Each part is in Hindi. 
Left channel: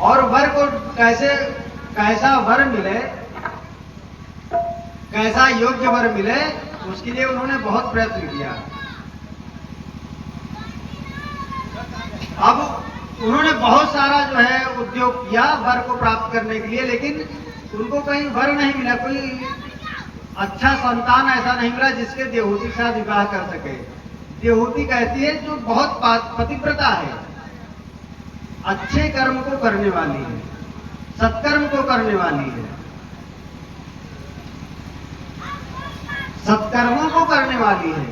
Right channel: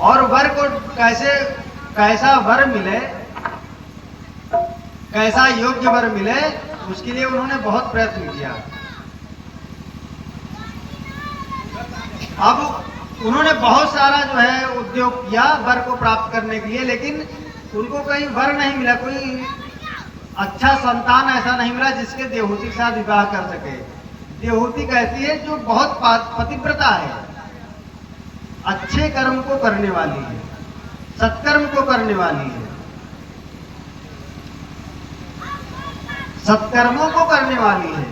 और वर को कैसा वर मिले, कैसा योग्य वर मिले, उसके लिए उन्होंने बहुत प्रयत्न किया। अब उन्होंने बहुत सारा जो है उद्योग किया वर को प्राप्त करने के लिए, लेकिन उनको कहीं वर नहीं मिला, कोई अच्छा संतान ऐसा नहीं मिला जिसके देवहूति के साथ विवाह कर सके। देवहूति कहती है जो बहुत पतिव्रता है, अच्छे कर्म को करने वाली है, सत्कर्म को करने वाली है, सत्कर्मों को करने वाली है।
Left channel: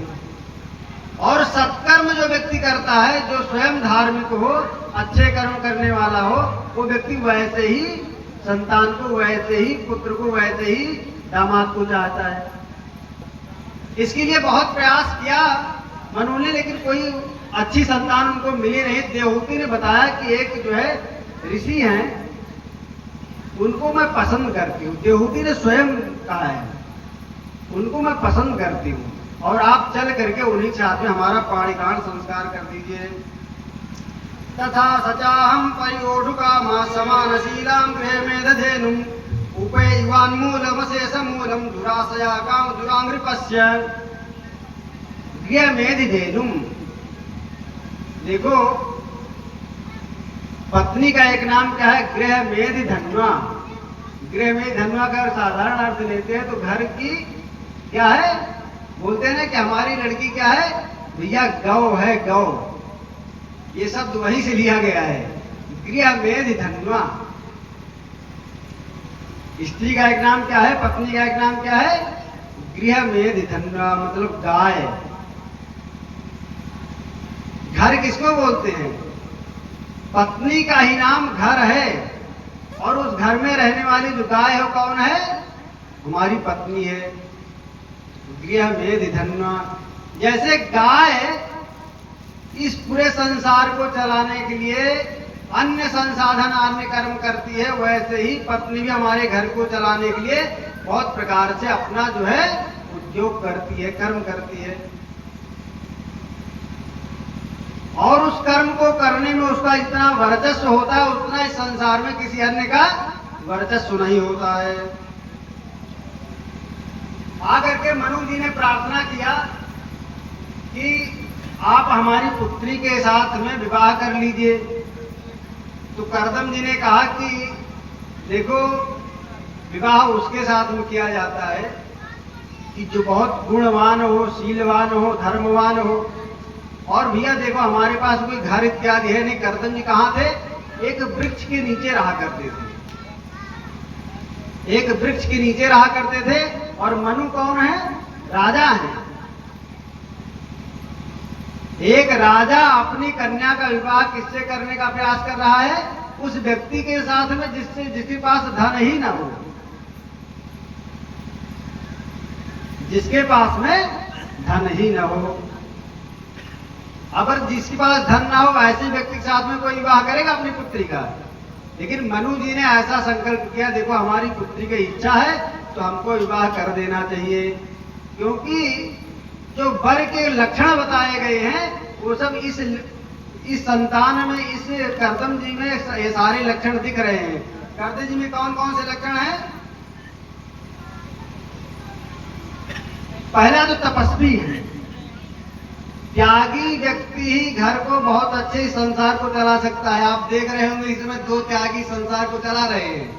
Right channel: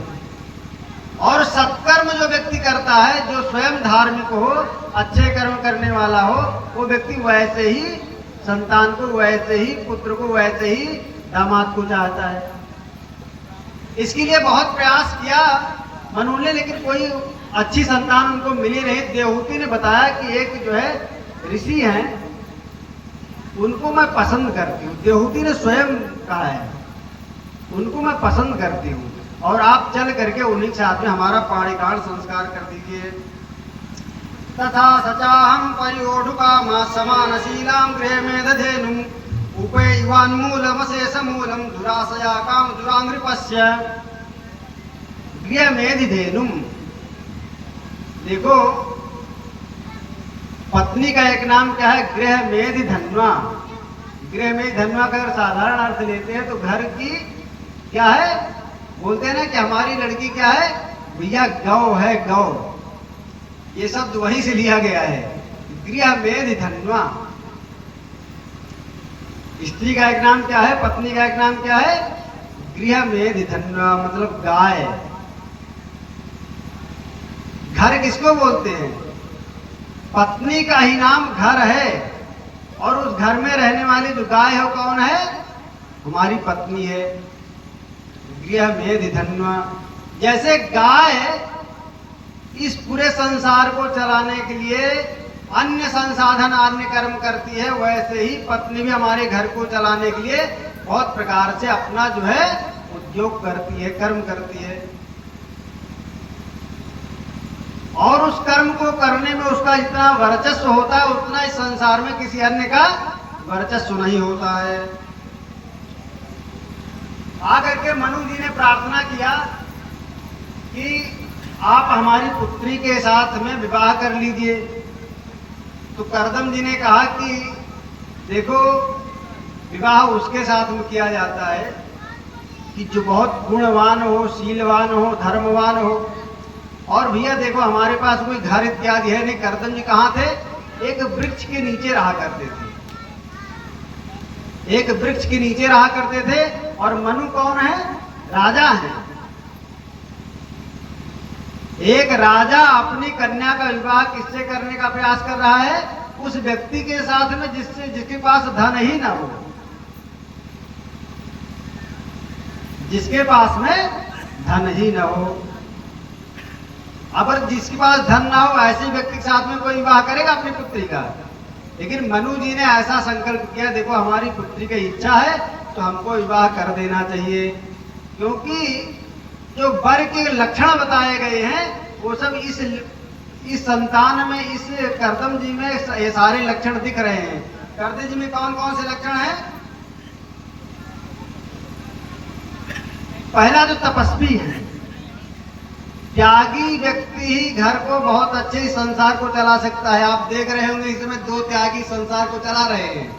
और सत्कर्म जो व्यक्ति करता है, जो स्वयं धार्मिक हो, अच्छे कर्म करने वाला हो, वो व्यक्ति वैसे ही संतान को, वैसे ही पुत्र को, वैसे ही दामाद को चाहता है। इसके लिए बहुत प्रयास किया मनु ने, लेकिन कोई अच्छी संतान उनको मिली नहीं। देवहूति ने बताया कि एक जो है ऋषि हैं, उनको मैं पसंद करती हूँ। देवहूति ने स्वयं कहा है, उनको मैं पसंद करती हूँ, और आप चल करके उन्हीं के साथ में हमारा पाणिकाण संस्कार कर दीजिए। तथा सचाहम पयोढुकामा समानशीलां गृहमेधधेनुम् उपैवान्मूलमशेषमूलं दुराशया काम दुरांग्रिपस्य गृहमेधिधेनुम्। देखो, पत्नी का एक नाम क्या है? गृहमेधिधन्वा। गृहमेधिधन्वा का साधारण अर्थ लेते हैं तो घर की क्या है, बोलते हैं ना कि हमारी लड़की क्या है भैया, गौ है, गौ। ये शब्द वहीं से लिया गया है, गृहमेधिधन्वा। स्त्री का एक नाम क्या है, पत्नी का एक नाम क्या है? गृहमेधिधन्वा, मतलब गाय। घर किसको बोलते हैं? पत्नी का ही नाम घर है, और उस घर में रहने वाली जो गाय है कौन है? हमारी पत्नी है। गृहमेधिधन्वा, जैसे गाय इस पूरे संसार को चलाने के लिए अन्य संसाधन, अन्य कर्म करती है, वैसे ही पत्नी भी हमारे घर को चलाने के लिए बहुत प्रकार से अपना जो है उद्योग करती है, कर्म करती है। और उस कर्म को करने में उसका जितना वर्चस्व होता है, उतना इस संसार में किसी अन्य का वर्चस्व नहीं होता है। आकर के मनु जी ने प्रार्थना किया कि आप हमारी पुत्री के साथ में विवाह कर लीजिए। तो कर्दम जी ने कहा कि देखो, विवाह उसके साथ में किया जाता है कि जो बहुत गुणवान हो, शीलवान हो, धर्मवान हो। और भैया देखो, हमारे पास कोई घर इत्यादि है नहीं। कर्दम जी कहाँ थे? एक वृक्ष के नीचे रहा करते थे, एक वृक्ष के नीचे रहा करते थे। और मनु कौन है? राजा है। एक राजा अपनी कन्या का विवाह किससे करने का प्रयास कर रहा है? उस व्यक्ति के साथ में जिसके पास धन ही ना हो, जिसके पास में धन ही ना हो। अगर जिसके पास धन ना हो, ऐसे व्यक्ति के साथ में कोई विवाह करेगा अपनी पुत्री का? लेकिन मनु जी ने ऐसा संकल्प किया, देखो हमारी पुत्री की इच्छा है तो हमको विवाह कर देना चाहिए, क्योंकि जो वर के लक्षण बताए गए हैं वो सब इस संतान में, इस कर्दम जी में ये सारे लक्षण दिख रहे हैं। कर्दम जी में कौन कौन से लक्षण हैं? पहला जो तपस्वी है, त्यागी व्यक्ति ही घर को बहुत अच्छे संसार को चला सकता है। आप देख रहे होंगे इस समय 2 त्यागी संसार को चला रहे हैं,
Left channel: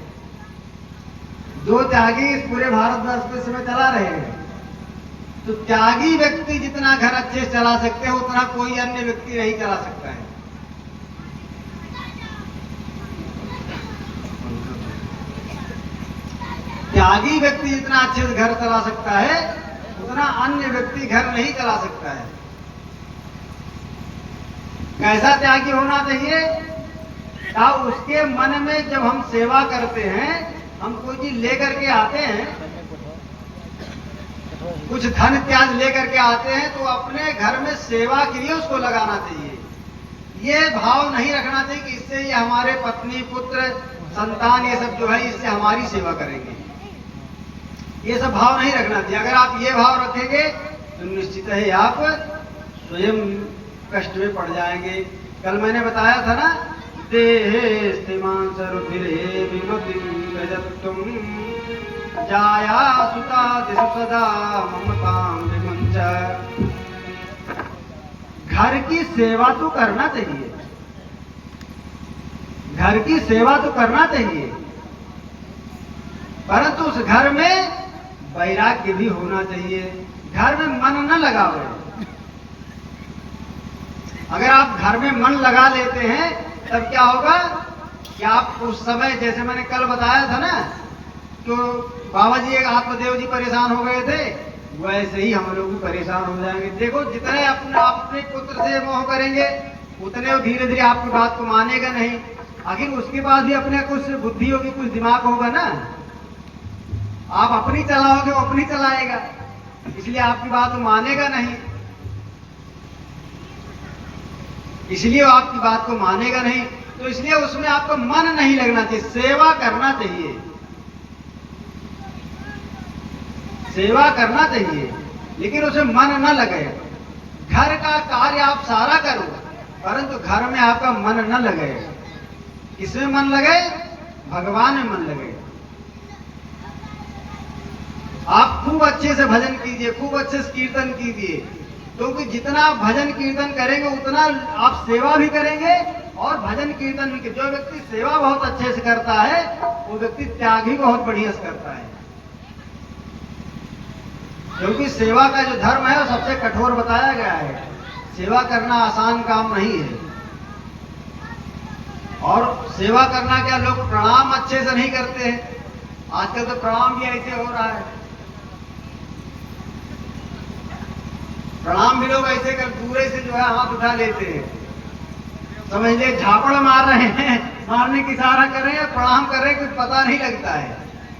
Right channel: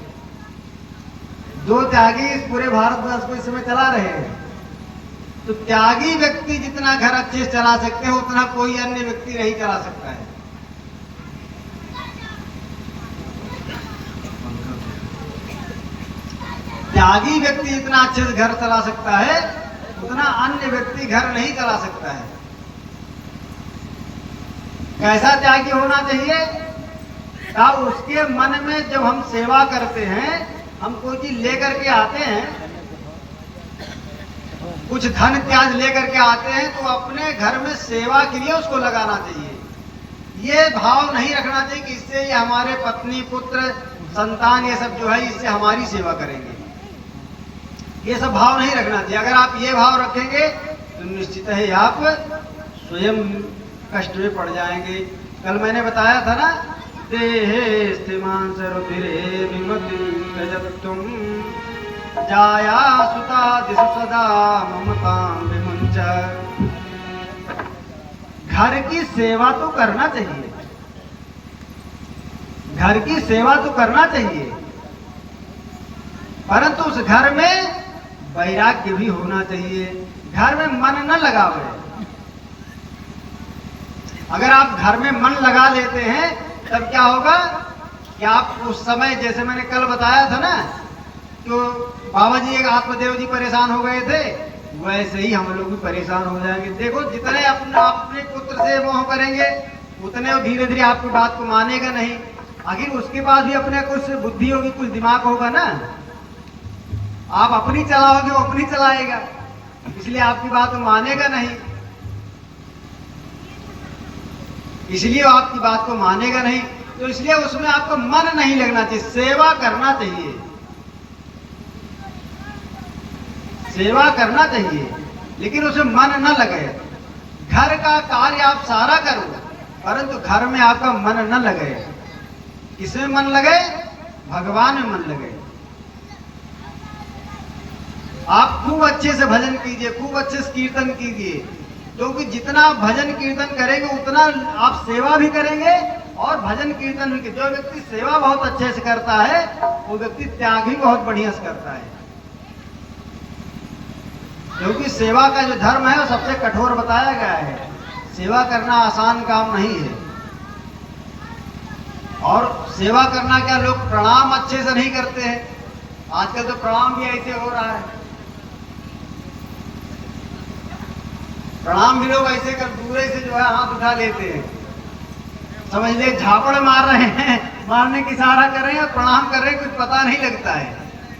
2 त्यागी इस पूरे भारतवर्ष को इस समय चला रहे हैं। तो त्यागी व्यक्ति जितना घर अच्छे से चला सकते हैं, उतना कोई अन्य व्यक्ति नहीं चला सकता है। त्यागी व्यक्ति जितना अच्छे से घर चला सकता है, उतना अन्य व्यक्ति घर नहीं चला सकता है। कैसा त्यागी होना चाहिए? क्या उसके मन में जब हम सेवा करते हैं, हम कोई चीज लेकर के आते हैं, कुछ धन त्याज लेकर के आते हैं, तो अपने घर में सेवा के लिए उसको लगाना चाहिए। ये भाव नहीं रखना चाहिए कि इससे ये हमारे पत्नी, पुत्र, संतान, ये सब जो है इससे हमारी सेवा करेंगे। ये सब भाव नहीं रखना चाहिए। अगर आप ये भाव रखेंगे तो निश्चित है आप स्वयं कष्ट में पड़ जाएंगे। कल मैंने बताया था ना देहे स्थिमांस रुधिरे विमतिं त्यजत्वं जाया सुता दिशु सदा ममतां विमुंच। घर की सेवा तो करना चाहिए, घर की सेवा तो करना चाहिए, परंतु उस घर में वैराग्य भी होना चाहिए। घर में मन न लगावे। अगर आप घर में मन लगा लेते हैं तब क्या होगा कि आप उस समय, जैसे मैंने कल बताया था ना, तो बाबा जी एक आत्मदेव जी परेशान हो गए थे, वैसे ही हम लोग भी परेशान हो जाएंगे। देखो, जितने अपने पुत्र से मोह करेंगे उतने वो धीरे धीरे आपकी बात को मानेगा नहीं। आखिर उसके पास भी अपने कुछ बुद्धि होगी, कुछ दिमाग होगा ना। आप अपनी चलाओगे, वो अपनी चलाएगा, इसलिए आपकी बात वो मानेगा नहीं, इसलिए वो आपकी बात को मानेगा नहीं। तो इसलिए उसमें आपका मन नहीं लगना चाहिए। सेवा करना चाहिए, सेवा करना चाहिए, लेकिन उसमें मन न लगे। घर का कार्य आप सारा करो, परंतु घर में आपका मन न लगे। किसमें मन लगे? भगवान में मन लगे। आप खूब अच्छे से भजन कीजिए, खूब अच्छे से कीर्तन कीजिए, क्योंकि जितना आप भजन कीर्तन करेंगे उतना आप सेवा भी करेंगे और भजन कीर्तन भी। जो व्यक्ति सेवा बहुत अच्छे से करता है वो व्यक्ति त्याग भी बहुत बढ़िया से करता है, क्योंकि सेवा का जो धर्म है वो सबसे कठोर बताया गया है। सेवा करना आसान काम नहीं है। और सेवा करना क्या, लोग प्रणाम अच्छे से नहीं करते हैं। आजकल तो प्रणाम भी ऐसे हो रहा है, प्रणाम भी लोग ऐसे कर दूर से जो है हाथ उठा लेते हैं, समझ ले झापड़ मार रहे हैं, मारने की इशारा कर रहे हैं, प्रणाम कर रहे हैं, कुछ पता नहीं लगता है।